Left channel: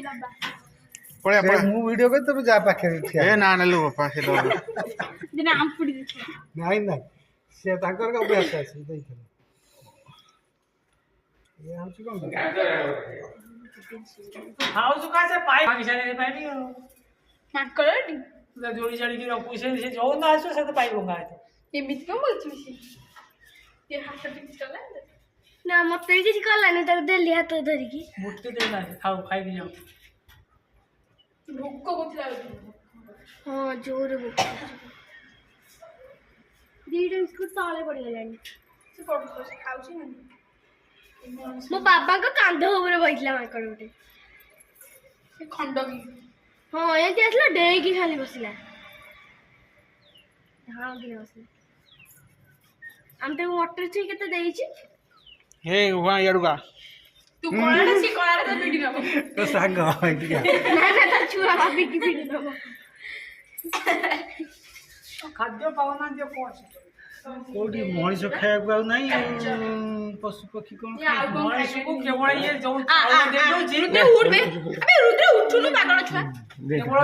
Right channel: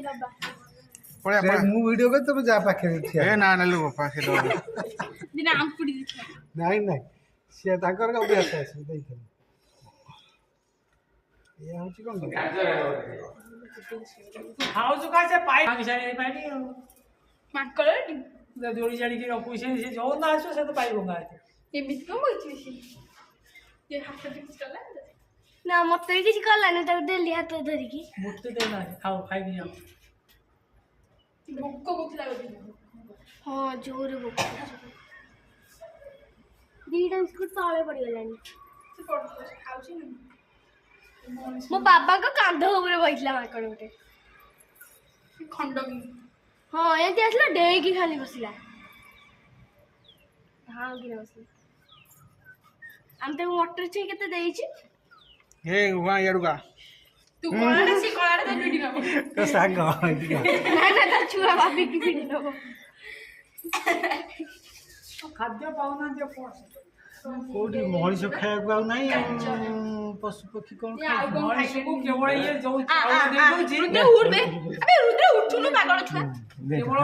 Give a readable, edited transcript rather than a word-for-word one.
ଯାଇକି ଦବା पड़े पड़े ମୁଁ ଭିଡିଓ କରି ତମେ ଯା ପାଖରେ ଠିଆ ए ना नेलु पाखे दो ଦିନେ ଆମ୍ପୁଡି ଦେଇଥିଲା ନାଇଁ ନାଇଁ ସିଏ ତାଙ୍କର ଅଭ୍ୟାସ ଅଛି ଦେଇଥିଲେ ଇଏ ହଉଛି କଣ ଖାଉଛୁ କାହା ସେ ପାଇ ଭାଙ୍ଗି ସାରି ପାଇନି ଆଉ ମାଙ୍କଡ ଏଠି ଯୋଡ଼ି ଛାଡ଼ିକି ରଖୁ ସେ ଯୋଉ ନା ଆସିବ ସେ ତ ପାଇ ଭଙ୍ଗା ହେଇଥିବ ଏମିତି କଣ ବୋଲୁଛୁ ସେ ହାତ କିଛି କଲା ନା ମତେ ବି କିଛି କଲାନି ତାକୁ ଦେଲି ହାତ ଧରିକି ମୁଠେ ଦେ ନାହିଁ ଖାଉ ଖାଇକି ଯାଉ ଭୋକ କରୁଥିଲା ହଁ ଜୋରେ ଭୋକ ଦିଟା ବିସ୍କୁଟ ତଳେ ପଡିଗଲାଣି ସେ ପଢୁଛି ସେ ଖାଉଛି ନା ମୋ ବାବାଙ୍କ କାନ୍ଧ ଉପରେ ବସିଥିଲା ମାଙ୍କଡ ଗୋଟେ ସେ ଖଣ୍ଡକି ହଁ ଏମିତି ଆସିଲା ଡେଇକି ଖାଲି ବସିଲା ହଁ କି ବସିଲା ଆମେ ତାକୁ ମଟର ଛୁଇଁ କେତେ ଦେଇଛୁ हे वहां याडुगा ତୁ କଳାଟା ସେ କଳାଟା ତ ଭିଡି ନବ ତ ସାଙ୍ଗ ଏଇଠିକା ନା ନା ତା ଛୁଆ ଭାବିକି ପିଟି ଦବ ଖାଦ୍ୟ ପାଉନାହାନ୍ତି ଆଉ କ'ଣ କୋଉଠି ମଣିଷ ଖାଇବାକୁ ଆଉ ନାହିଁ ପଶୁ ପକ୍ଷୀ କଣ ଖାଇବେ? ମଣିଷକୁ କେବଳ ଇଏ ଯୋଉ ଚାଉଳ ଦେଇ ଦଉଛି ରୁଦ୍ର ଉଠବେ ଆବେ ରୁଦ୍ର ଉଠୁନୁ ପାଗଳ ଛୁଆ କେବଳ